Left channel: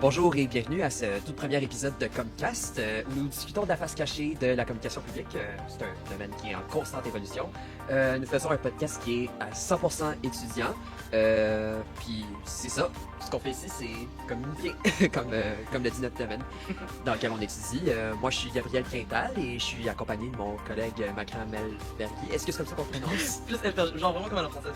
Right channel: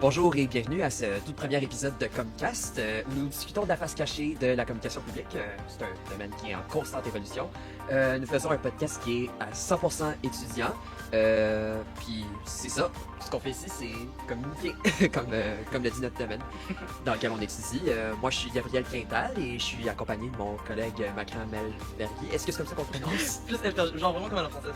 Bonjour et bienvenue à ce tout premier épisode de Comcast où nous discutons de la face cachée de la communication publique. C'est un domaine qui est en constante évolution. Nous faisons un podcast qui est à 100% étudiant. Puis c'est ça. Ce qu'on fait ici, c'est communiquer, comme le dit notre domaine dans lequel on étudie. Moi, je suis Gabriel Quintal et je suis accompagné de mon collègue Macron Melbergui. Est-ce que c'est comme ça qu'on prononce? Plus FRG, genre vraiment comme à la française.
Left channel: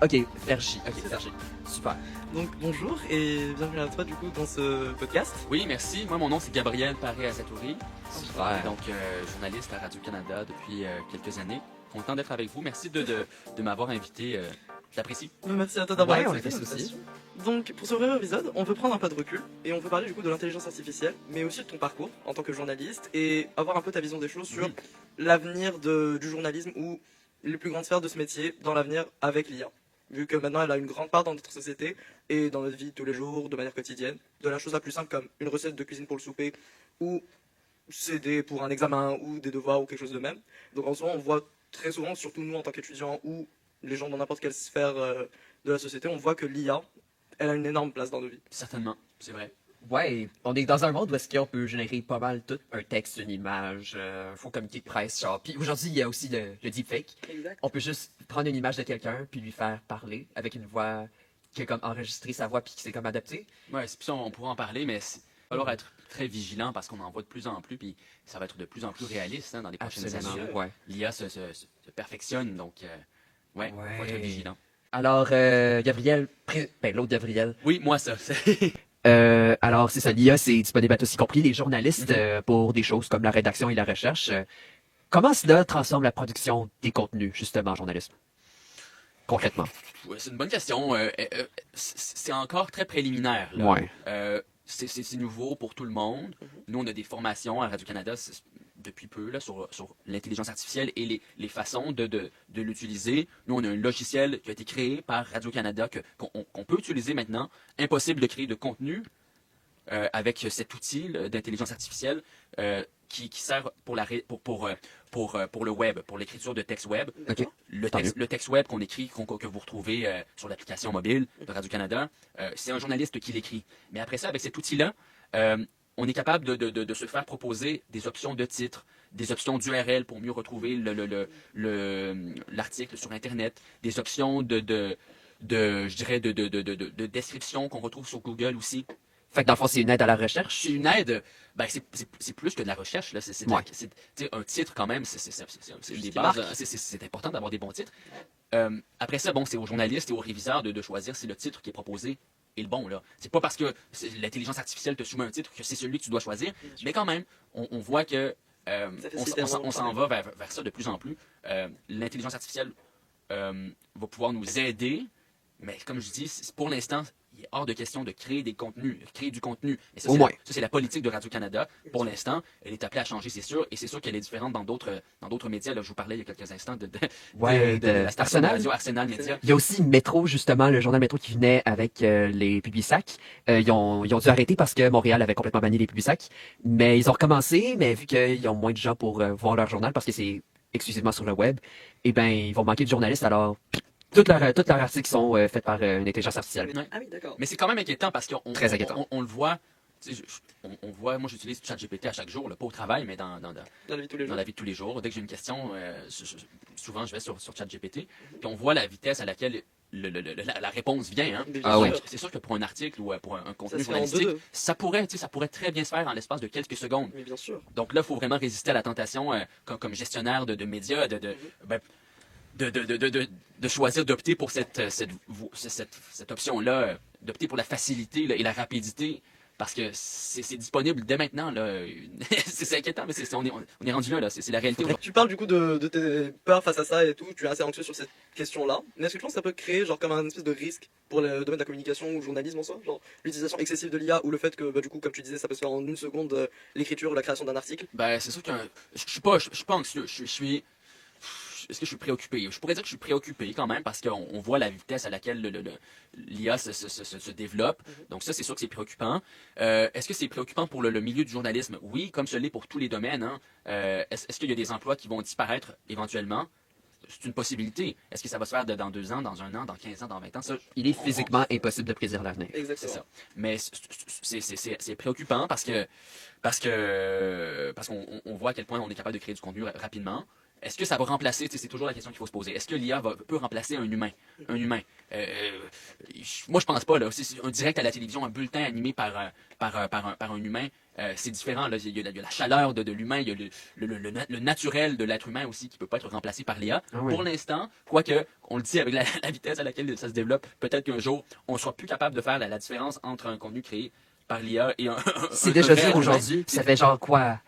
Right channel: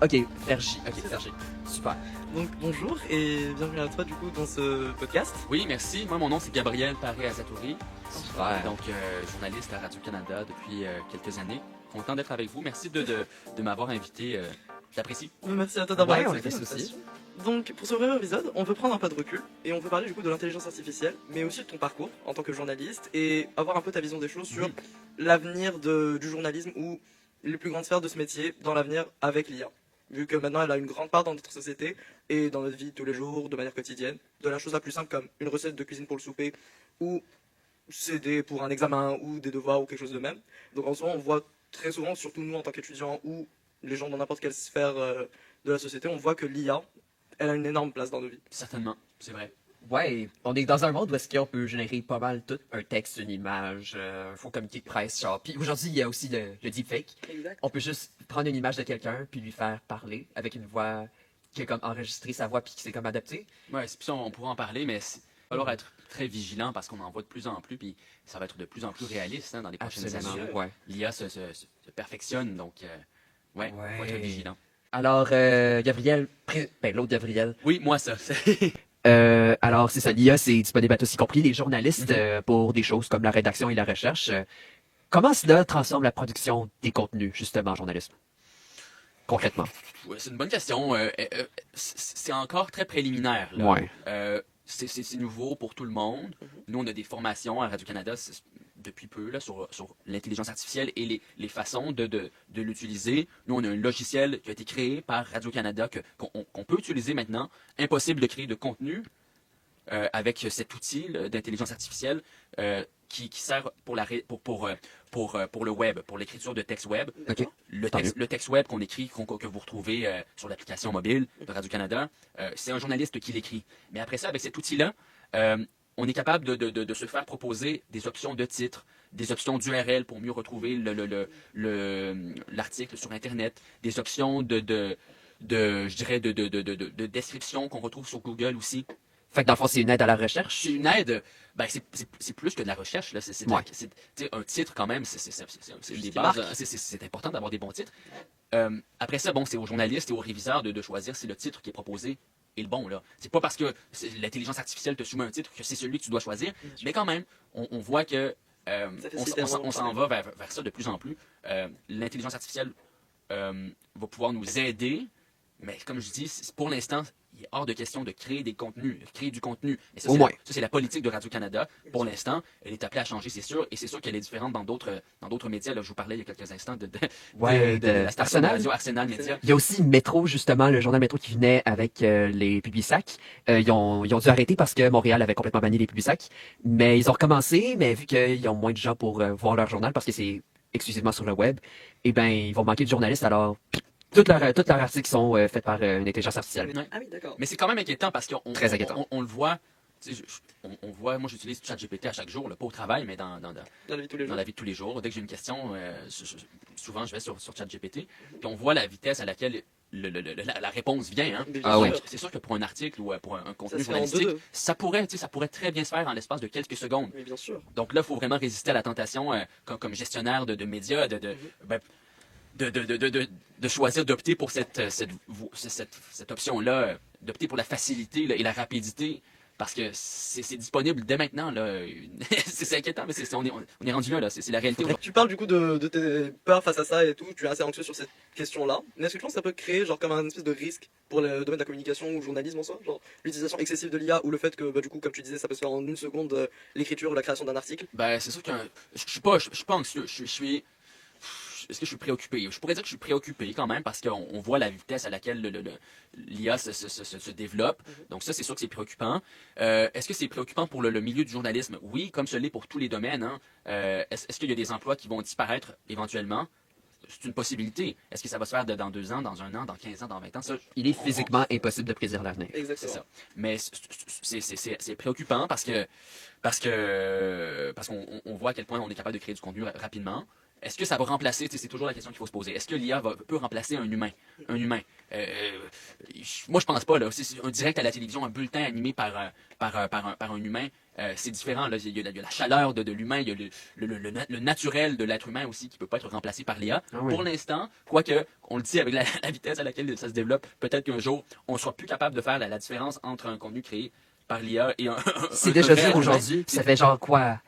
Ok, Vergy. Ok, Vergy. Super. Donc bonjour et bienvenue à toi du coup dans ce podcast. Oui, merci. Moi, mon nom, c'est Gabriel Paré-Azatouri. Super. Donc, journaliste à Radio-Canada depuis quelques années. Content d'être avec vous. Merci de m'avoir invité. J'apprécie. Merci à toi d'avoir Ouais, on accepté a fait ça aussi. Donc pour ce premier épisode, on veut prendre un pas de recul et on veut parler du coup de l'intelligence artificielle, mais aussi de ton parcours en tant que journaliste et avoir un peu ta vision des choses sur l'avenir du journalisme ou les plus grandes sphères de ce métier dans l'avenir avec l'IA. Vu que maintenant elle a une grande part dans notre société et dans notre vie de tous les jours, de manière quotidienne, de la chose la plus simple comme une recette de cuisine pour le souper ou CD pour un examen ou des devoirs ou quelque chose de même. Donc en soi on voit très souvent, surtout nous en tant qu'étudiants ou les gens dans n'importe quelle sphère de la société, on voit que l'IA, elle a une énorme place dans nos vies. Certainement, c'est vrai. Ouais, on est dans un monde où est-ce qu'on peut générer pas mal tout, un texte, une image, faux communiqué de presse, genre. Puis aujourd'hui, il y a aussi le deepfake. Exact. On peut juste prendre une image de quelqu'un puis lui faire parler avec une voix qui a comme enregistré sa voix puis qui s'est comme adapté. Ouais, c'est ça, on pourra en parler, mais il va falloir être très vigilant parce qu'on en voit de plus en plus, puis ça va être de plus en plus réaliste dans les prochaines années. Ouais. L'IA se perfectionne, donc ouais, faut être vigilant. Alors, Gabriel, l'autre Gabriel. Oui, moi ça. Alors, c'est ça, l'IA, c'est disponible à tous, y compris les journalistes, pour des choses comme la rédaction et la recherche. Comment cela transforme la production des contenus, justement, en journalisme? Concrètement. Ouais, c'est une bonne question. C'est encore très préliminaire. Là. Ouais. C'est nouveau pour tout le monde. Nous, on a des formations à Radio-Canada depuis peu là, sur l'intelligence artificielle et les façons de l'utiliser. Nous, on a un logiciel qui a été créé par Radio-Canada qu'on peut utiliser maintenant. Impossible de créer de contenu avec cet outil d'intelligence artificielle qui sert pour le web, pour l'écriture de texte web. OK. Le texte web qu'on écrit, que vous retrouvez sur l'application mobile de Radio-Canada, c'est un journaliste qui l'écrit. Mais après ça, avec cet outil-là, on est capable de se faire proposer des options de titre, des options d'URL pour mieux retrouver l'article sur Internet, des options de description qu'on retrouve sur Google aussi. Fait que dans le fond, c'est une aide à la recherche. C'est une aide, ben c'est plus que de la recherche. Là. C'est un titre quand même, c'est une des bases. C'est important d'avoir des bons titres. Après ça, bon, c'est aux journalistes et aux réviseurs de choisir si le titre qui est proposé est le bon. Là. C'est pas parce que l'intelligence artificielle te soumet un titre que c'est celui que tu dois choisir. Mais quand même, on voit que on s'en va vers ça de plus en plus. L'intelligence artificielle va pouvoir nous aider, mais comme je dis, pour l'instant, il est hors de question de créer du contenu. Et ça, c'est la politique de Radio-Canada. Pour l'instant, elle est appelée à changer, c'est sûr. Et c'est sûr qu'elle est différente dans d'autres médias. Là, je vous parlais il y a quelques instants de la station de radio Arsenal Média. Il y a aussi Métro, justement, le journal Métro qui venait avec les Publisac. Ils ont dû arrêter parce que Montréal avait complètement banni les Publisac. Mais ils ont recommencé, mais vu qu'ils ont moins de gens pour voir leur journal parce que c'est exclusivement sur le web, eh ben ils vont manquer de journalistes. Alors, toutes leurs articles sont faits par une intelligence artificielle. Ouais. Ah oui, d'accord. Mais c'est quand même inquiétant parce qu'on Très inquiétant. on le voit. On voit, moi j'utilise ChatGPT à chaque jour, là, pas au travail, mais dans la vie de tous les jours. dans la vie de tous les jours. Dès que j'ai une question, souvent je vais sur ChatGPT, puis on voit la vitesse à laquelle la réponse vient. Hein. Ah oui. C'est sûr que pour un article ou pour un contenu se fait en journalistique, deux. ça pourrait très bien se faire en l'espace de quelques secondes. Mais bien sûr. Donc là, il faut vraiment résister à la tentation comme gestionnaire de médias de choisir d'opter pour cette option-là, d'opter pour la facilité là, et la rapidité, parce que c'est disponible dès maintenant. Là. C'est inquiétant, mais on est rendu là. C'est la réalité. Tu parles du coup de tes peurs face à ça et tout, tu es assez anxieux sur cette question-là. Mais est-ce que tu penses que ça peut créer genre comme un espèce de risque pour le domaine de la communication ou le journalisme en soi, genre l'utilisation excessive de l'IA ou le fait que du coup, comme tu disais, ça peut se faire en une seconde, l'écriture ou la création d'un article? Ben, c'est sûr que je suis pas anxieux. Est-ce que je suis préoccupé? Je pourrais dire que je suis préoccupé quand même parce qu'on voit la vitesse à laquelle l'IA se développe. Donc ça, c'est sûr que c'est préoccupant. Est-ce que c'est préoccupant pour le milieu du journalisme? Oui, comme ce l'est pour tous les domaines. Hein. Est-ce qu'il y a des emplois qui vont disparaître éventuellement? c'est une possibilité. Est-ce que ça va se faire dans 2 ans, dans 1 an, dans 15 ans, dans 20 ans? Ça, Il est physiquement impossible de prédire l'avenir. c'est Exactement. ça. Mais c'est préoccupant parce qu'on voit à quel point on est capable de créer du contenu rapidement. Est-ce que ça va remplacer, c'est toujours la question qu'il faut se poser, est-ce que l'IA peut remplacer un humain? Un humain. Moi, je pense pas. Là. C'est un direct à la télévision, un bulletin animé par un humain, c'est différent. Là. Il y a la chaleur de l'humain, il y a le naturel de l'être humain aussi qui peut pas être remplacé par l'IA. Ah oui. Pour l'instant, quoique, on le dit avec la vitesse à laquelle ça se développe, peut-être qu'un jour, on sera plus capable de faire la différence entre un contenu créé par l'IA et C'est un déjà vrai dit humain. aujourd'hui, puis ça fait genre quoi?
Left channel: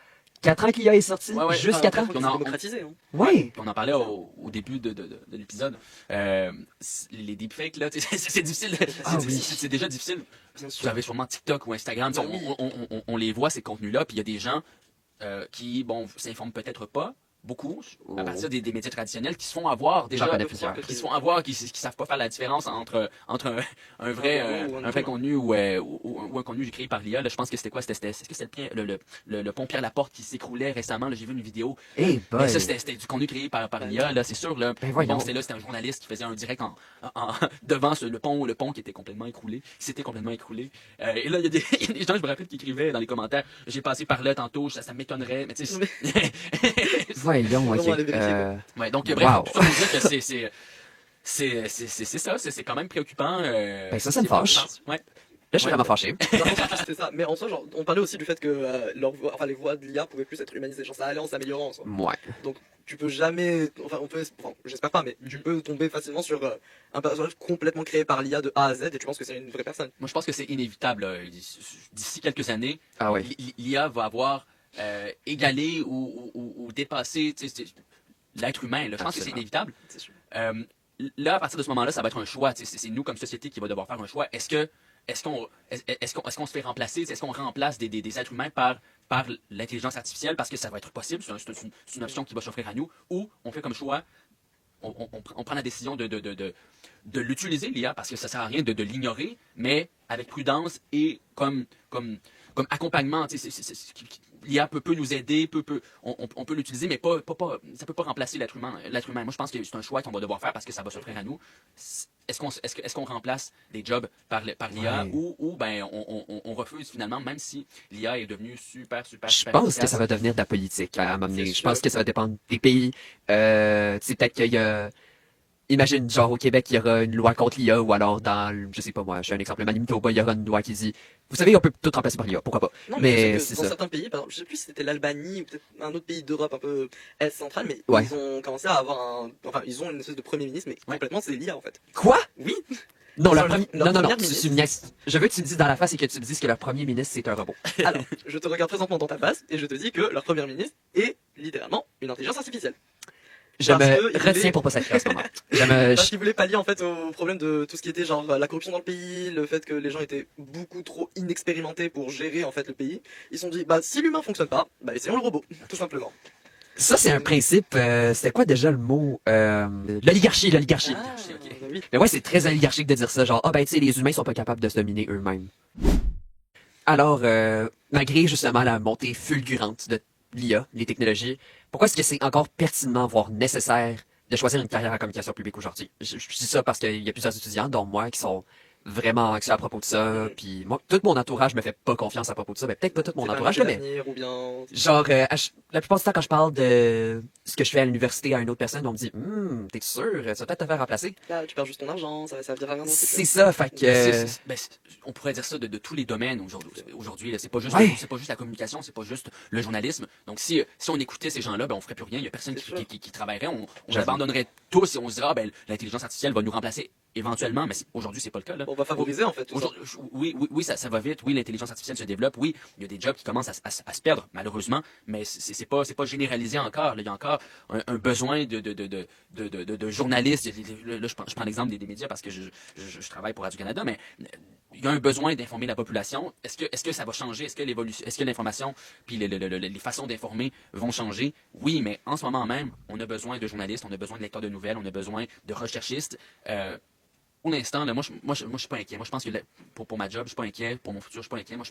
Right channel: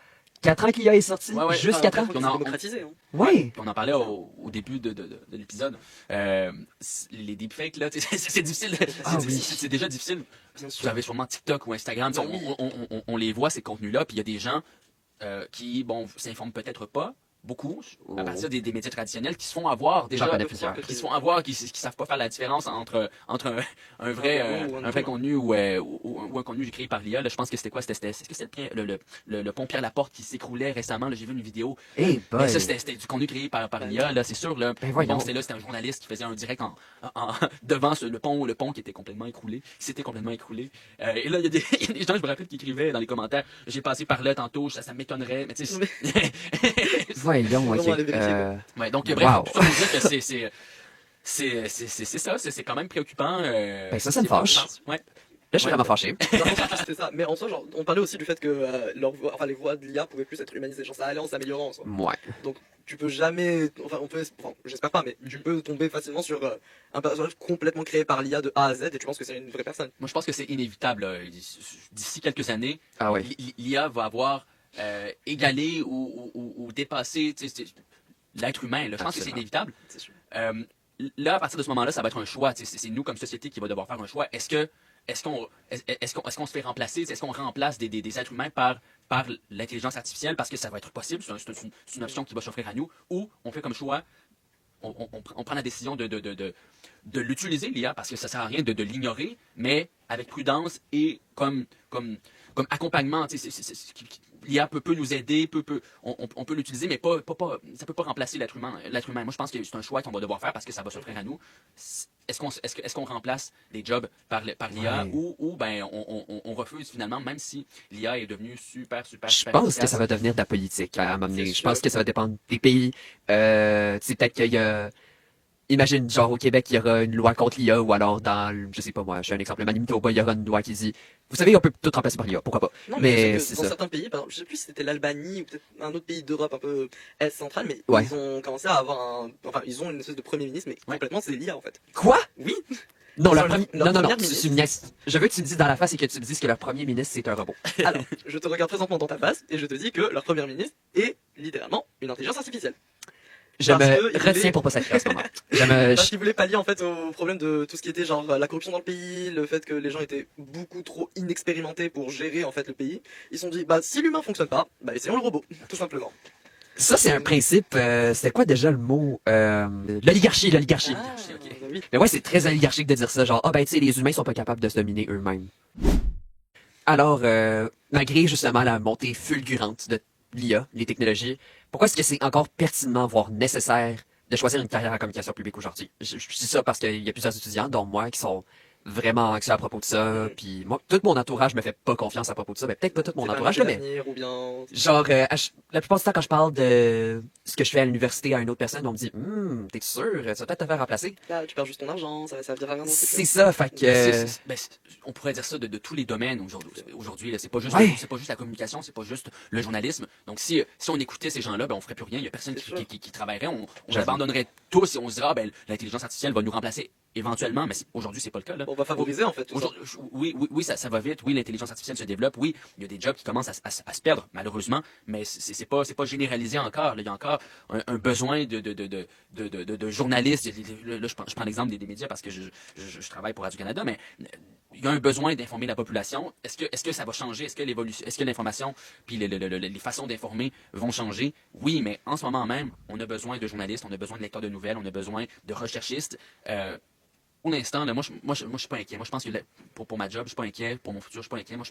4 ans qu'il est sorti? Ouais, Juste 4 ans? C'est démocratisé. Hein. Ouais! Puis on en parlait au début de l'épisode. Les deepfakes, là, c'est difficile. Ah oui. C'est déjà difficile. Bien sûr. Vous avez sûrement TikTok ou Instagram. Ben oui. On les voit, ces contenus-là. Puis il y a des gens qui, bon, s'informent peut-être pas beaucoup à partir des médias traditionnels qui se font avoir déjà. J'en connais plusieurs. Qui se font avoir, qui savent pas faire la différence entre un vrai contenu ou un contenu créé par l'IA. Là, je pense que c'était quoi? Est-ce que c'était le pont Pierre-Laporte qui s'écroulait récemment? Là, j'ai vu une vidéo. Eh Mais boy! ça, c'était du contenu créé par l'IA, là, c'est sûr. Là. Ben voyons. Bon, c'était un journaliste qui faisait un direct devant le pont qui était complètement écroulé. Qui s'était complètement écroulé. Et là, il y a des gens, je me rappelle, qui écrivaient dans les commentaires, j'ai passé par là tantôt, ça m'étonnerait. Mais tu sais, Voyons, ok. On va aller vérifier, ouais, donc, Wow. bref, tout ça pour dire que c'est quand même préoccupant. Ben, ça me fâche. Ouais. Là, je suis vraiment fâché. C'était ça. Mais en soi, genre, on parlait aussi du fait que les voix de l'IA pouvaient plus être humanisées. Genre, ça allait en s'améliorant en soi. Ouais. Donc, tu peux jamais, j'espère pas, mais tu peux tomber facilement sur un personnage complètement créé par l'IA de A à Z et tu penses que c'est une vraie personne. Moi, je pense que c'est inévitable. D'ici quelques années, Ah ouais. l'IA va avoir égalé ou dépassé l'être humain. Là. Je pense que c'est Absolument. inévitable. C'est sûr. Là, à partir de ce moment-là, ça va être un choix. C'est nous, comme société, qui va devoir faire un choix. Est-ce qu'on se fait remplacer? Est-ce qu'on remplace des êtres humains par l'intelligence artificielle parce que ça va être possible? C'est une option qui va s'offrir à nous. Ou on fait comme choix, on prend la décision de l'utiliser, l'IA, parce que ça sert à rien de l'ignorer, mais avec prudence et comme accompagnement. L'IA peut nous aider, on peut l'utiliser, mais ça peut pas remplacer l'être humain. Moi, je pense que c'est un choix qu'on va devoir faire parce que ça va s'offrir à nous. Est-ce qu'on remplace des jobs par l'IA Ouais. ou ben on refuse finalement, même si l'IA est devenue super Je super pense que efficace. ça va devenir de la politique à un moment donné. C'est Je sûr. pense que ça va dépendre des pays. C'est peut-être qu'il y a... Imagine, genre, au Québec, il y aura une loi contre l'IA, ou alors je sais pas moi, je fais un exemple, Manitoba, il y aura une loi qui dit, vous savez, on peut tout remplacer par l'IA, pourquoi pas? Non, Mais je c'est sais que dans ça. certains pays, par exemple, je sais plus si c'était l'Albanie ou peut-être un autre pays d'Europe un peu est centrale, mais Ouais. ils ont commencé à avoir ils ont une espèce de premier ministre, mais complètement c'est l'IA en fait. Quoi? Oui. Non, Leur non, première non, ministre. tu me niaises. Je veux que tu me dises dans la face et que tu me dises que leur premier ministre, c'est un robot. Alors, je te regarde présentement dans ta face et je te dis que leur premier ministre est littéralement une intelligence artificielle. Je Parce que me il retiens voulait- pour pas sacrer à ce moment. Je me... Parce qu'ils voulaient pallier en fait au problème de tout ce qui était genre la corruption dans le pays, le fait que les gens étaient beaucoup trop inexpérimentés pour gérer en fait le pays. Ils se sont dit bah si l'humain fonctionne pas, bah essayons le robot, tout simplement. Ça, c'est un principe, c'était quoi déjà le mot? L'oligarchie. ok. bah oui. Mais ouais, c'est très oligarchique de dire ça, genre, ah ben tu sais, les humains sont pas capables de se dominer eux-mêmes. Alors, malgré justement la montée fulgurante de l'IA, les technologies, pourquoi est-ce que c'est encore pertinemment, voire nécessaire, de choisir une carrière en communication publique aujourd'hui? Je dis ça parce qu'il y a plusieurs étudiants, dont moi, qui sont vraiment anxieux à propos de ça, puis moi, tout mon entourage me fait pas confiance à propos de ça, mais peut-être pas tout mon C'est pas entourage, un là, mais avenir ou bien genre, la plupart du temps, quand je parle de ce que je fais à l'université à une autre personne, on me dit, t'es sûr, ça va peut-être te faire remplacer? là tu perds juste ton argent, ça va servir à rien. C'est ça, fait que... On pourrait dire ça de tous les domaines aujourd'hui. Là. C'est pas juste Ouais. c'est pas juste la communication, c'est pas juste le journalisme. Donc si on écoutait ces gens-là, ben on ferait plus rien. Il y a personne C'est sûr. qui travaillerait. On J'avoue. abandonnerait tous et on se dirait ben l'intelligence artificielle va nous remplacer éventuellement, mais aujourd'hui c'est pas le cas là. On va favoriser en fait tout ça. Oui, ça va vite. Oui, l'intelligence artificielle se développe. Oui, il y a des jobs qui commencent à se perdre, malheureusement. Mais c'est pas généralisé encore. Là. Il y a encore un besoin de journalistes. Là, je prends l'exemple des médias parce que je travaille pour Radio-Canada, mais il y a un besoin d'informer la population. Est-ce que ça va changer? Est-ce que l'information puis les façons d'informer vont changer? Oui, mais en ce moment même, on a besoin de journalistes, on a besoin de lecteurs de nouvelles, on a besoin de recherchistes. pour l'instant, là, moi, je suis pas inquiet. Moi, je pense que pour ma job, je suis pas inquiet. Pour mon futur, je suis pas inquiet. Moi, je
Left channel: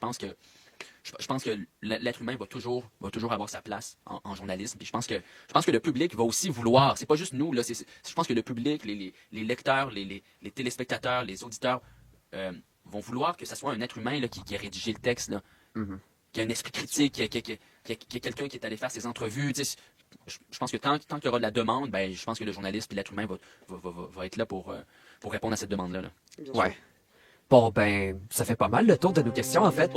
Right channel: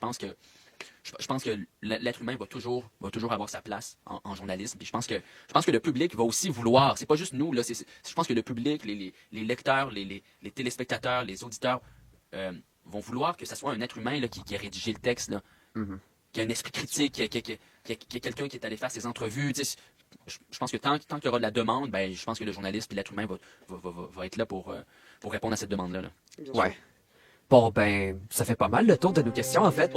pense que l'être humain va toujours avoir sa place en journalisme. Puis je pense que le public va aussi vouloir. C'est pas juste nous, là. Je pense que le public, les lecteurs, les téléspectateurs, les auditeurs vont vouloir que ce soit un être humain là, qui a rédigé le texte, là, qui a un esprit critique, qui a quelqu'un qui est allé faire ses entrevues. Tu sais, je pense que tant qu'il y aura de la demande, ben, je pense que le journaliste et l'être humain va être là pour répondre à cette demande-là. Là. Bien sûr. Ouais. Bon, ben, ça fait pas mal le tour de nos questions, en fait.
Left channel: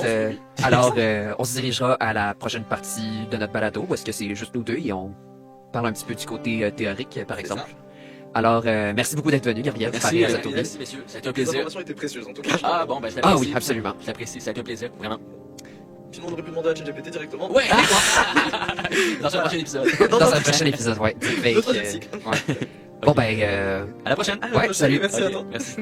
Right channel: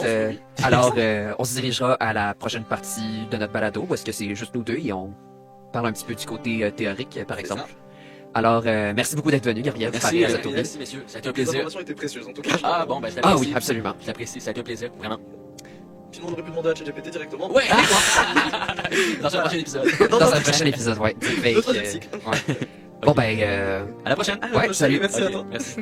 Alors, on se dirigera à la prochaine partie de notre balado, où est-ce que c'est juste nous deux et on parle un petit peu du côté théorique, par C'est exemple. Alors, merci beaucoup d'être venu, Gabriel. Merci, messieurs. Ça a été un Les plaisir. informations étaient précieuses en tout cas. Ah bon, ben je l'apprécie. Ah oui, absolument. Je l'apprécie, ça a été un plaisir, vraiment. Sinon, on aurait pu demander à ChatGPT directement. Ouais! Dans un prochain épisode. Dans un prochain épisode, ouais. Fait Notre que, cycle. ouais. Bon, ben, À la prochaine. À la Ouais, prochaine, salut. Merci à Ok, toi. merci.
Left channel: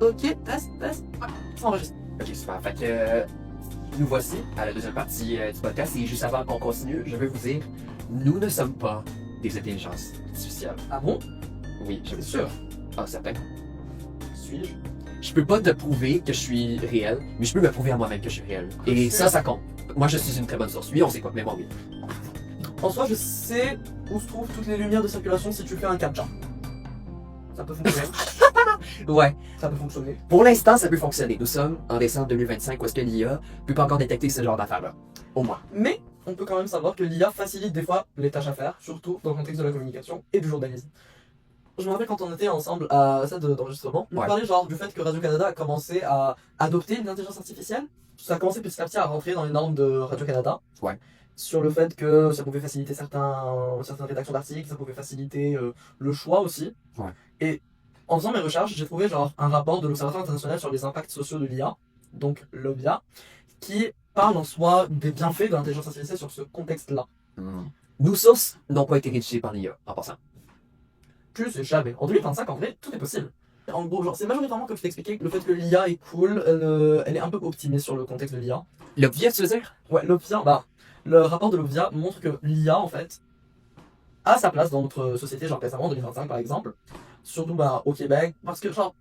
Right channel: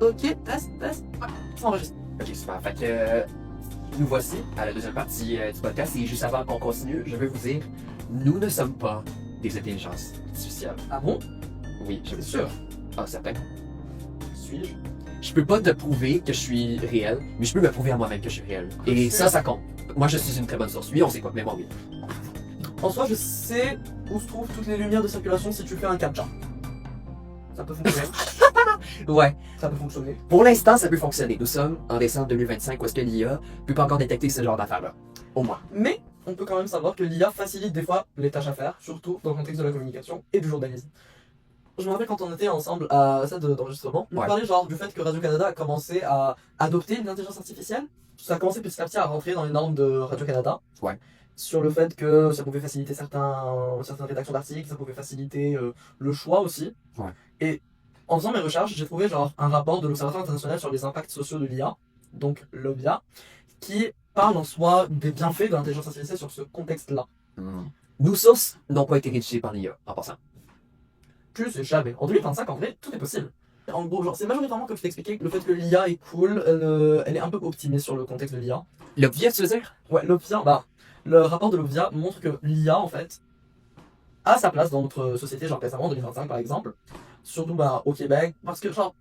Ok, test. Ouais, ça enregistre. Ok, super. Fait que nous voici à la deuxième partie du podcast. Et juste avant qu'on continue, je veux vous dire, nous ne sommes pas des intelligences artificielles. Ah bon? Oui, je C'est vous sûr. Ah, certain. Suis-je? Je peux pas te prouver que je suis réel, mais je peux me prouver à moi-même que je suis réel. Et ça compte. Moi, je suis une très bonne source. Lui, on sait pas, mais moi, oui. En soi, je sais où se trouvent toutes les lumières de circulation si tu fais un captcha. Ça peut fonctionner. Ouais. Ça peut fonctionner. Pour l'instant, ça peut fonctionner. Nous sommes en décembre 2025 où est-ce que l'IA peut pas encore détecter ce genre d'affaires-là. Au moins. Mais on peut quand même savoir que l'IA facilite des fois les tâches à faire, surtout dans le contexte de la communication et du journalisme. Je me rappelle quand on était ensemble à ça d'enregistrement, on Ouais. parlait genre du fait que Radio-Canada a commencé à adopter une intelligence artificielle. Ça a commencé petit à petit à rentrer dans les normes de Radio-Canada. Ouais. Sur le fait que ça pouvait faciliter certaines rédactions d'articles, ça pouvait faciliter le choix aussi. Ouais. Et en faisant mes recherches, j'ai trouvé genre un rapport de l'Observatoire international sur les impacts sociaux de l'IA, donc l'OBIA, qui parle en soi des bienfaits de l'intelligence artificielle sur ce contexte-là. Nos sources n'ont pas été rédigées par l'IA, en passant. Plus et jamais. En 2025, en vrai, tout est possible. En gros, genre, c'est majoritairement comme je t'ai expliqué, le fait que l'IA est cool, elle est un peu optimée sur le contexte de l'IA. L'obvious, tu veux dire? Ouais, l'OBIA, bah, le rapport de l'OBIA montre que l'IA, en fait, a sa place dans notre société, genre récemment, en 2025 par exemple, surtout bah, au Québec, parce que genre,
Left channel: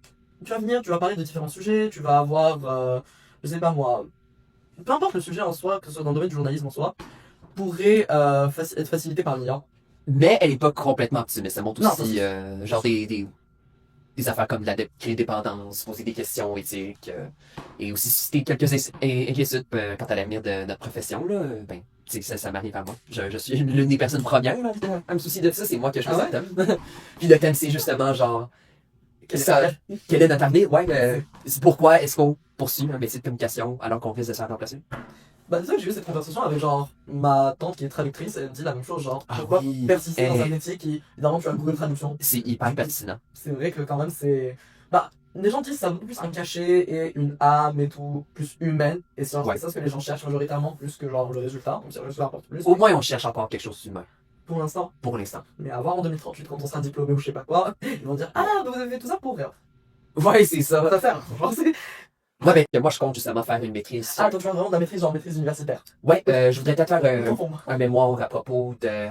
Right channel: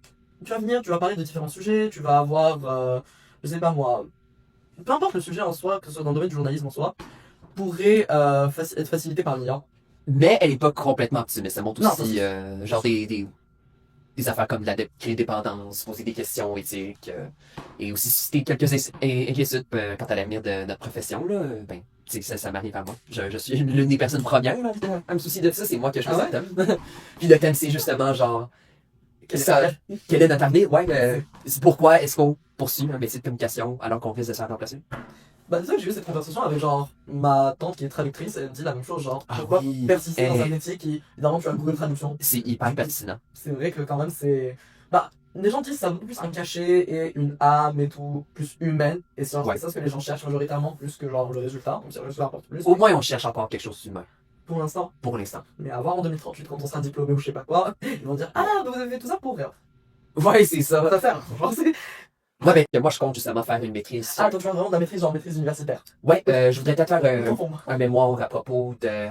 tu vas venir, tu vas parler de différents sujets, tu vas avoir, je sais pas moi, peu importe le sujet en soi, que ce soit dans le domaine du journalisme en soi, pourrait être facilité par l'IA. Mais elle est pas complètement optimiste. Elle montre Non, aussi, ça, genre, des affaires comme l'indépendance, poser des questions éthiques, et aussi susciter quelques inquiétudes quant à l'avenir de notre profession, là. Ben, tu sais, ça m'arrive à moi. Je suis l'une des personnes premières là, à me soucier de ça. C'est moi qui ai choisi Ah ouais? le thème. Puis le thème, c'est justement, genre, quel est notre avenir? Ouais, c'est pourquoi est-ce qu'on poursuit un métier de communication alors qu'on risque de se faire remplacer? Bah, c'est ça que j'ai eu cette conversation avec genre ma tante qui est traductrice, elle me dit la même chose, genre, Ah pourquoi oui. persister dans Eh. un métier qui, évidemment, tu as Google Traduction. C'est hyper pertinent. C'est vrai que quand même, c'est. Bah, les gens disent que ça a beaucoup plus un cachet et une âme et tout, plus humaine, et c'est genre, Ouais. c'est ça ce que les gens cherchent majoritairement, plus que genre le résultat. Donc, si le résultat apporte plus, Au moins, on cherche encore quelque chose d'humain, pour l'instant. pour l'instant. Mais à voir en 2038, quand on sera diplômé ou je sais pas quoi, ils vont dire, ah, donc vous avez fait tout ça pour rien. Ouais, c'est ça. Ça va faire. Genre, c'est. Ouais, ben, moi, je compte justement faire une maîtrise. Ah, donc tu vas vraiment de la maîtrise, genre maîtrise universitaire. Ouais, je voudrais peut-être faire Profond. un mémoire à propos de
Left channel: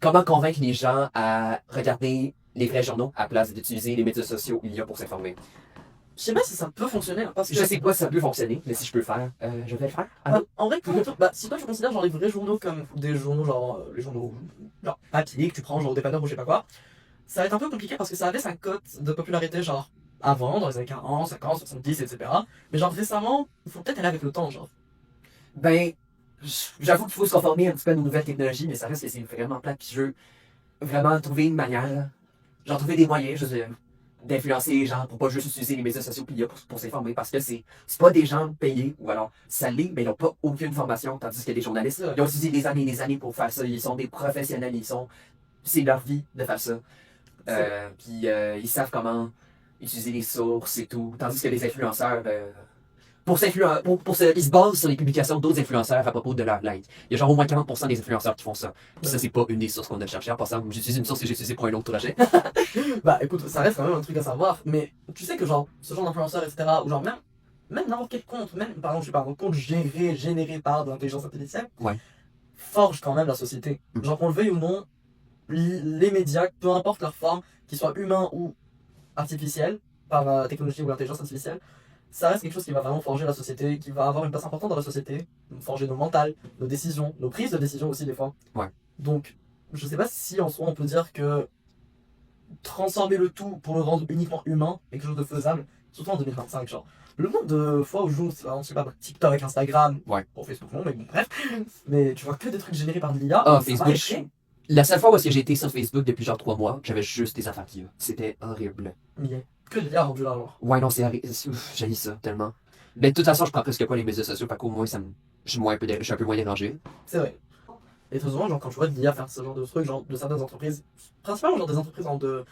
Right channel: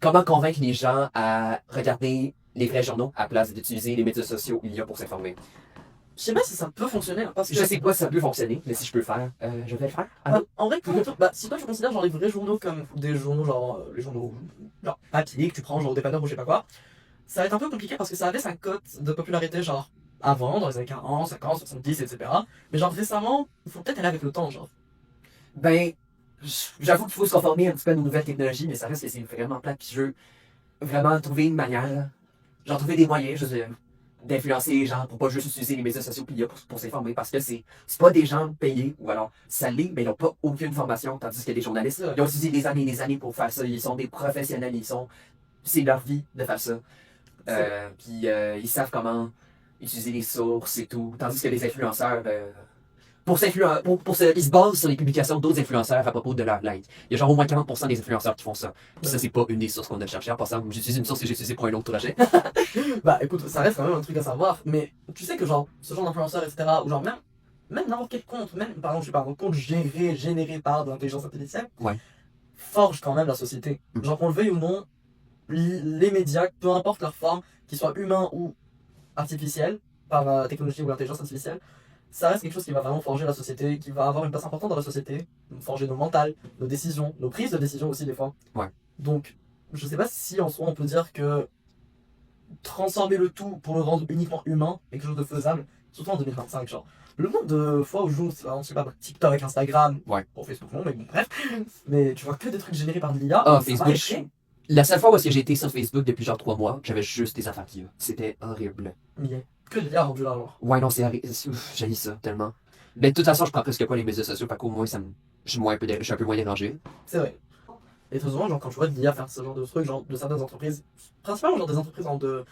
comment convaincre les gens à regarder les vrais journaux à la place d'utiliser les médias sociaux il y a pour s'informer. Je sais pas si ça peut fonctionner, hein, parce que. Je sais pas si ça peut fonctionner, mais si je peux le faire, je vais le faire. Ah, Bah, en vrai, bah, si toi tu considères genre les vrais journaux comme des journaux genre les journaux genre papier que tu prends genre au dépanneur ou je sais pas quoi, ça va être un peu compliqué parce que ça avait sa cote de popularité genre avant, dans les années 40, 50, 70, etc. Mais genre récemment, il faut peut-être aller avec le temps, genre. Ben, j'avoue qu'il faut se conformer un petit peu à nos nouvelles technologies, mais ça reste que c'est vraiment plate. Puis je veux vraiment trouver une manière, genre trouver des moyens, je veux dire, d'influencer les gens pour pas juste utiliser les médias sociaux puis il y a pour s'informer parce que c'est pas des gens payés ou alors ça l'est, mais ils n'ont pas aucune formation, tandis que les journalistes, ils ont utilisé des années et des années pour faire ça. Ils sont des professionnels, c'est leur vie de faire ça. Puis ils savent comment utiliser les sources et tout. Tandis que les influenceurs, ils se basent sur les publications d'autres influenceurs à propos de leur like. Il y a genre au moins 40% des influenceurs qui font ça. Puis ça, c'est pas une des sources qu'on a cherché. En passant, j'utilise une source que j'ai utilisée pour un autre projet. Bah écoute, ça reste quand même un truc à savoir, mais tu sais que genre, ce genre d'influenceurs, etc., ou genre même n'importe quel compte, même par exemple, je sais pas, un compte généré par de l'intelligence artificielle, Ouais. forge quand même la société. Genre qu'on le veuille ou non, les médias, peu importe leur forme, qu'ils soient humains ou artificiels, par la technologie ou l'intelligence artificielle, ça reste quelque chose qui va vraiment forger la société, qui va avoir une place importante dans la société, forger nos mentales, nos décisions, nos prises de décision aussi des fois. Ouais. Donc, je sais pas si en soi on peut dire que transformer le tout pour le rendre uniquement humain est quelque chose de faisable, surtout en 2025, genre. Le nombre de fois où je joue, je sais pas, TikTok, Instagram, Ouais. pour Facebook non, mais bon, bref, mais tu vois que des trucs générés par de l'IA. Ah, ça va Facebook. être- La seule fois où j'ai été sur Facebook depuis genre 3 mois, j'avais juste des affaires d'IA. C'était horrible. Mais il y a que de l'IA rendu là, genre. Ouais, non, c'est horrible. J'ai ça tellement. Mais de toute façon, je prends presque pas les médias sociaux, parce qu'au moins, je suis un peu moins dérangé. C'est vrai. Et très souvent, genre, quand tu vois de l'IA faire ce genre de trucs, genre, de certaines entreprises, principalement, genre, des entreprises de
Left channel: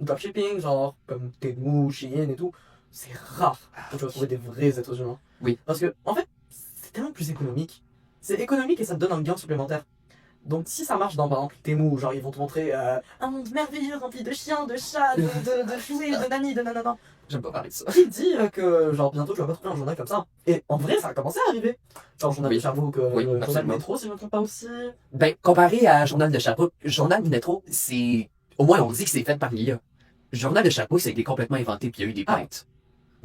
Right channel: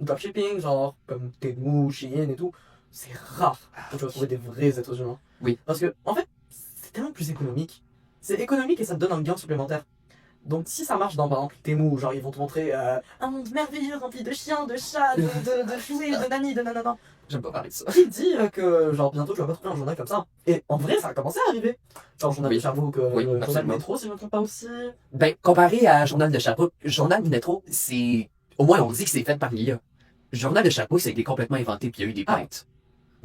dropshipping, genre, comme Temu, Shein et tout, c'est rare que tu vas trouver des vrais êtres humains. Oui. Parce que, en fait, c'est tellement plus économique. C'est économique et ça te donne un gain supplémentaire. Donc, si ça marche dans, par exemple, Temu, genre, ils vont te montrer un monde merveilleux rempli de chiens, de chats, de jouets, de nani, de nanana. J'aime pas parler de ça. Qui dit que, genre, bientôt tu vas pas trouver un journal comme ça? Et en vrai, ça a commencé à arriver. Genre, journal Oui. de Sherbrooke, Oui, le journal absolument. métro, si je ne me trompe pas aussi. Ben, comparé à Journal de Sherbrooke, Journal du Métro, c'est. Au moins, on dit que c'est fait par l'IA. Journal de Sherbrooke, ça a été complètement inventé, puis il y a eu des Ah. plaintes.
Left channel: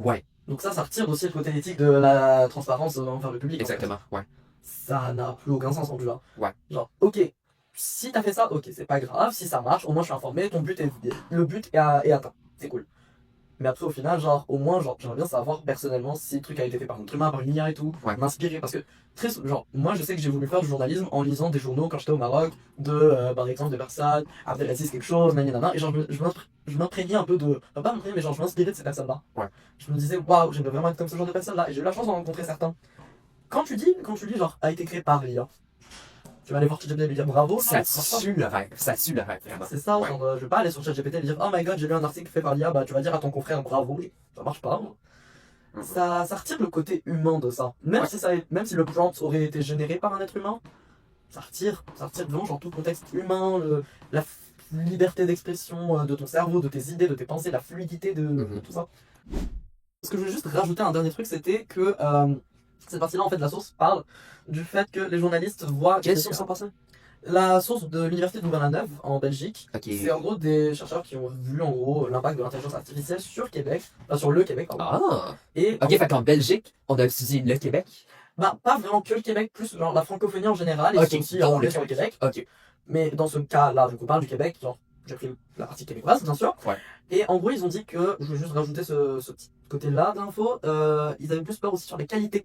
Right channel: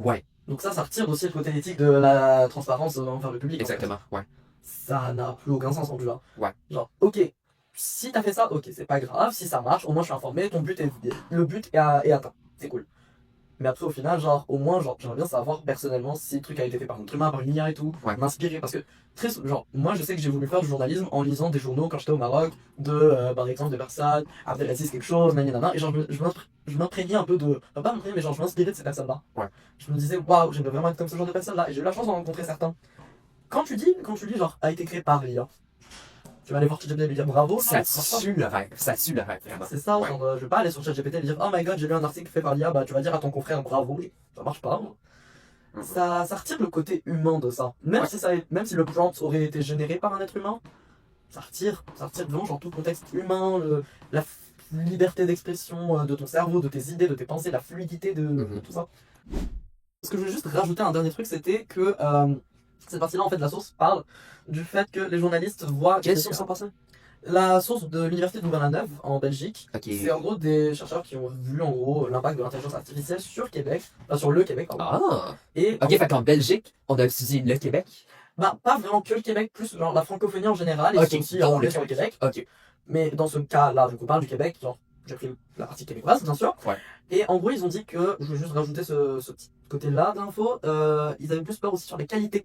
Ouais, Donc ça retire aussi le côté éthique de la transparence envers le public. en fait. exactement. Ouais. Ça n'a plus aucun sens rendu là. Ouais. Genre, ok, si t'as fait ça, ok, c'est pas grave, si ça marche, au moins je suis informé, le but est atteint, c'est cool. Mais après, au final, genre, au moins, genre, j'aimerais bien savoir personnellement si le truc a été fait par un être humain, par une IA et tout, Ouais. m'inspirer. Parce que, genre, moi, je sais que j'ai voulu faire du journalisme en lisant des journaux quand j'étais au Maroc, par exemple, de Versailles, Abdelaziz quelque chose, nanana, et genre, je m'imprégnais un peu de, enfin, pas m'imprégner, mais genre, je m'inspirais de ces personnes-là. Ouais. Je me disais, waouh, j'aimerais vraiment être comme ce genre de personnes-là, et j'ai eu la chance d'en rencontrer certains. Quand tu dis, genre, a été créé par l'IA, tu vas aller voir ChatGPT et lui dire bravo, Ça non, c'est pas tue le rêve. Ça tue le rêve, vraiment. c'est ça, Ouais. genre, je vais pas aller sur ChatGPT et lui dire oh my god, j'ai lu un article fait par l'IA, bah tu vas dire à ton confrère bravo. Ça marche pas. Mhm. Ça retire le côté humain de ça. Même, Ouais. même si le prompt aurait été généré par un être humain, ça retire vraiment genre tout le contexte humain, liberté d'expression de ton cerveau, de tes idées, de tes pensées, la fluidité de tout ça. Ce que je voulais juste rajouter un dernier truc, c'était que cette partie-là, en fait, la source parle du fait que les journalistes voient. Quelle source en passant? La source de l'université de Louvain-la-Neuve en Belgique. Ok. C'est en gros des chercheurs qui ont vu en gros l'impact de l'intelligence artificielle sur Québec, enfin sur le Québec, pardon. Ah! Et Ok, fait qu'en Belgique, on a utilisé le Québec. bah pas vraiment que le Québec, plus genre la francophonie en général, et Ok, aussi dont sur le Québec. Ok. Mais dans ce cas-là, donc on parle du Québec, genre j'ai pris la partie québécoise bien sûr. Ouais. Et en gros ils ont dit que, je vais juste rajouter ce petit côté-là d'info, ils avaient plus peur aussi sur les qualités.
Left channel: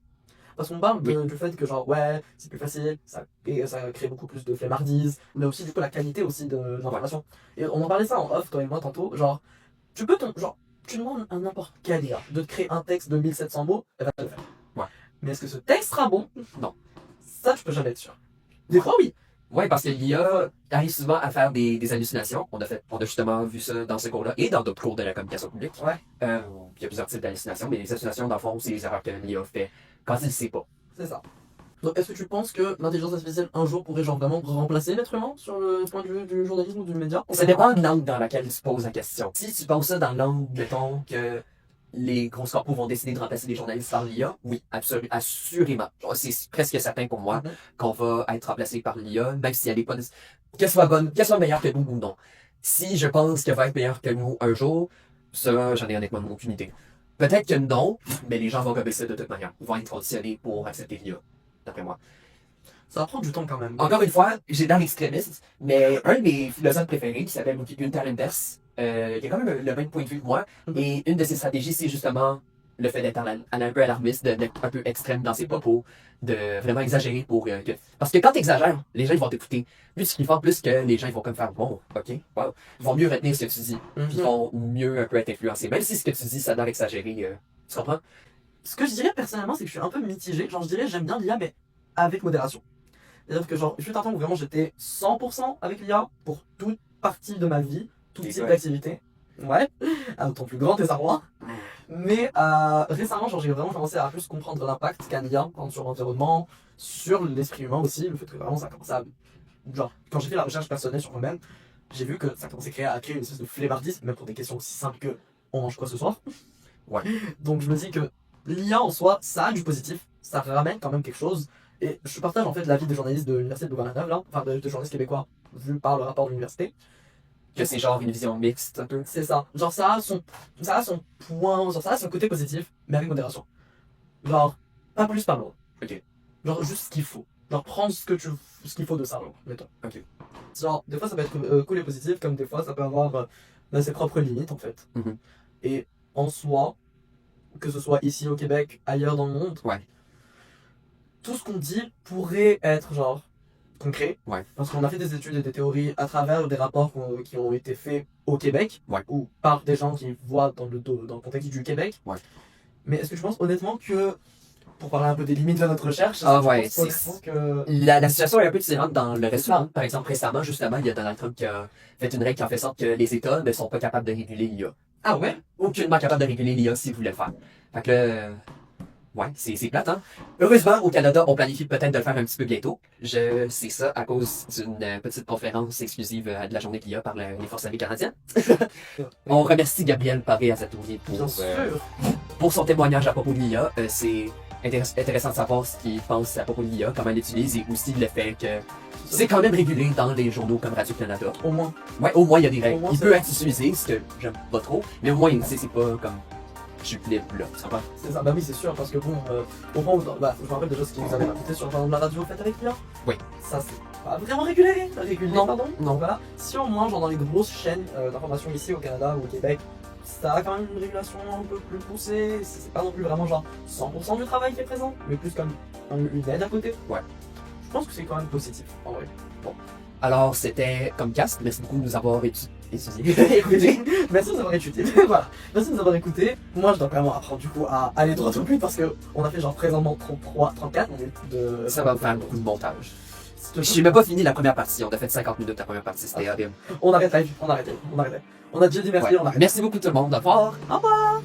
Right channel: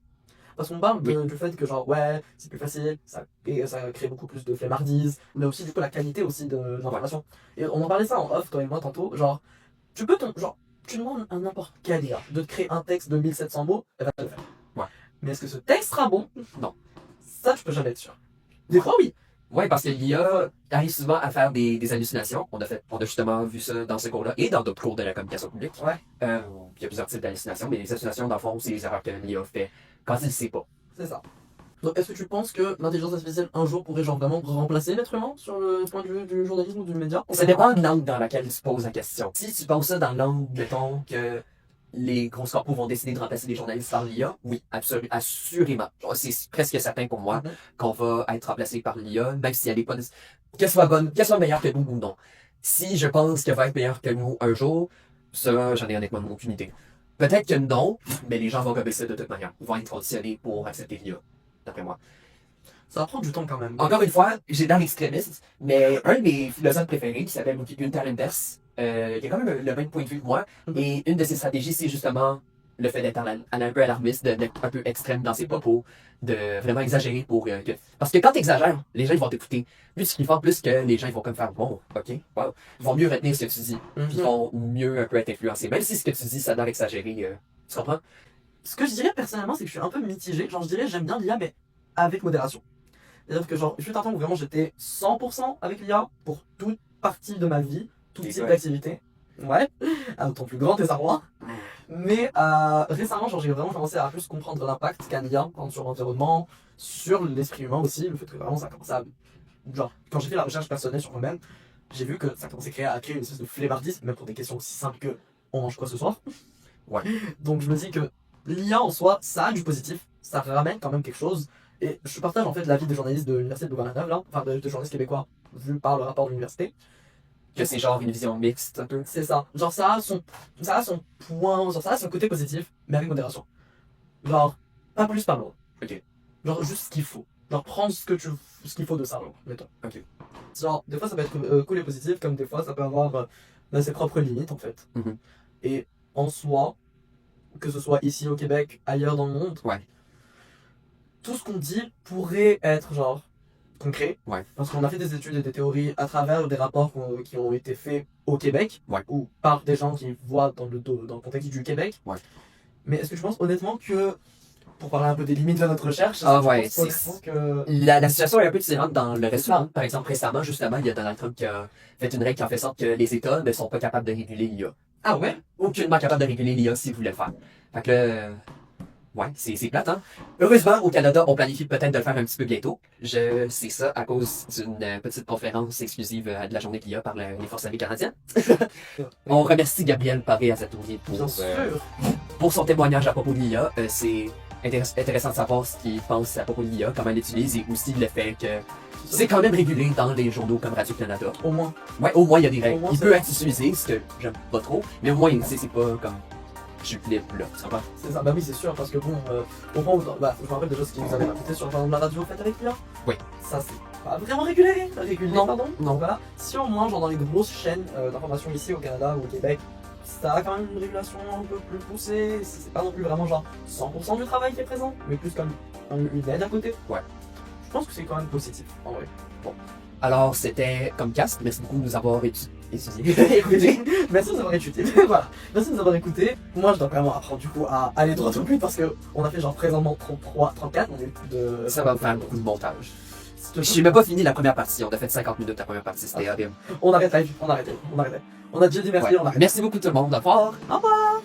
Parce qu'on parle du fait que genre ouais, c'est plus facile, ça crée beaucoup plus de flemmardise, mais aussi du coup la qualité aussi de l'information. Et on en parlait ça en off toi et moi tantôt, genre tu demandes à n'importe quel IA de te créer un texte de 1700 mots, elle va te le faire. Ouais. Mais est-ce que ce texte sera bon? Non. Ça tu peux jamais être sûr. Des fois oui. Ouais, parce que l'IA arrive souvent à faire des hallucinations. On a justement vu ça dans ce cours-là et dans d'autres cours de la communication publique. Ouais. Il y a plusieurs types d'hallucinations, mais les hallucinations, dans le fond, c'est les erreurs que l'IA fait quand il ne sait pas. C'est ça. Donc est-ce que tu penses que l'intelligence artificielle un jour pourrait genre vraiment remplacer l'être humain sur le point de vue du journalisme ou du média? Ça dépend de l'angle dans laquelle tu poses la question. Si tu poses ça dans l'angle, mettons, que les grosses corpos vont décider de remplacer les journalistes par l'IA, oui, assurément. Genre, c'est presque certain pour moi qu'on va être remplacé par l'IA, même si elle est pas qu'elle soit bonne, qu'elle soit meilleure que nous ou non. Si je pense qu'elle va être meilleure que nous un jour, ça, j'en ai honnêtement aucune idée. Peut-être que non, mais les gens vont gober ça de toute manière. Ils vont être conditionnés pour accepter l'IA, d'après moi. Ça va prendre du temps quand même. Encore une fois, j'ai dans l'extrémiste, mais un de mes philosophes préférés, qui s'appelle Gunther Anders, il a quand même le même point de vue que moi, et une de ses stratégies, c'est justement le fait d'être un peu alarmiste, d'être un peu extrême dans ses propos, de vraiment exagérer parce que quand tu exagères, les gens ils vont t'écouter. Plus qu'ils font, plus que les gens ils vont comme faire bon, ok, wow. Ils vont mieux retenir ce que tu dis, puis ils vont mieux un peu être influencés. Même si ce que tu dis, ça doit exagérer, tu comprends? Ce que je dirais personnellement, c'est que je suis un peu mitigé. Genre je dirais j'aime bien l'IA, mais avec modération. C'est-à-dire que genre, je suis un temps où vraiment j'étais 100% avec l'IA pour toute partie de ma vie, tout type d'activité. Ouais, à ton plus grand désarroi. Mais récemment, genre, j'ai vraiment commencé à plus comprendre l'impact qu'a l'IA sur l'environnement, sur l'esprit humain aussi, le fait que vraiment ça commence à... Genre, quand j'ai fait la recherche personnelle sur moi-même, j'ai vu que ça commençait à créer une espèce de flemmardisme, même pour des questions aussi simples que on mange quoi ce soir. Ouais. Donc je me dis que l'IA en soi, ça a du positif, ça ramène quand même quelque chose. Et je partage en fait l'avis des journalistes de l'université de Louvain-la-Neuve, là, enfin de journalistes québécois, vu par le rapport de l'université. Que c'est genre une vision mixte un peu. C'est ça. Genre ça a son point, genre ça a son côté positif, mais avec modération. Genre, pas plus, pas moins. Ok. Genre juste ce qu'il faut. Genre prendre ce qu'il faut de ça, genre, mettons. Ok. Genre, des fois ça peut être cool et positif, comme des fois ça peut avoir ses propres limites en fait. Mhm. Et en soi, que ce soit ici au Québec, ailleurs dans le monde, Ouais. tout ce qu'on dit pourrait être genre concret. Ouais. Parce qu'on a fait des études et des théories à travers des rapports qui ont été faits au Québec, Ouais. ou par des gens qui voient dans le contexte du Québec. Ouais. Mais est-ce que tu penses honnêtement que, pour parler un peu des limites de notre recherche, Ah est-ce que ouais, tu penses honnêtement que... La situation est un peu différente dans le restaurant. Par exemple, récemment, justement, il y a Donald Trump qui a fait une règle qui en fait sorte que les États ne sont pas capables de réguler l'IA. Ah ouais? Aucunement capable de réguler l'IA s'ils voulaient le faire. Fait que là, ouais, c'est plate, hein. Heureusement, au Canada, on planifie peut-être de le faire un petit peu bientôt. Je sais ça à cause d'une petite conférence exclusive de la journée de l'IA par les Forces armées canadiennes. On remercie Gabriel Paré-Azatouri pour son témoignage à propos de l'IA. C'est intéressant de savoir ce qu'il pense à propos de l'IA, comment elle l'utilise et aussi le fait que c'est quand même régulé dans les journaux comme Radio-Canada. Au moins. Ouais, au moins il y a des Au règles. moins, Il c'est peut vrai. être utilisé, ce que j'aime pas trop, mais au moins c'est pas comme je suis libre là, tu comprends? C'est ça, bah oui, c'est sûr, parce que bon, au moment où, bah, je me rappelle déjà ce qu'ils nous avaient raconté sur par exemple, la radio faite avec l'IA. Oui. Ça, c'est pas vraiment régulé. Non. Pardon. Non. Voilà. Si au moins, genre dans les grosses chaînes d'information ici au Canada ou au Québec, ça a quand même une régulation un peu plus poussée. C'est pas non plus vraiment genre 100% du travail qui est présent, mais plus comme une aide à côté. Ouais. Je pense que c'est quand même positif, en vrai. Alors c'était comme cast, merci beaucoup de nous avoir étudié. Écoutez, merci de nous avoir écouté. Voilà. Merci de nous avoir écouté. Moi, je dois vraiment apprendre du coup à aller droit au but parce que on a fait genre présentement 33, 34 minutes de. Ça va me faire beaucoup de montage. J'ai même pas fini la première partie, on a fait 50 minutes la première partie, c'était horrible. On arrête live, on arrête. On a déjà dit merci, Ouais. on arrête. Merci beaucoup tout le monde, au revoir. Au revoir.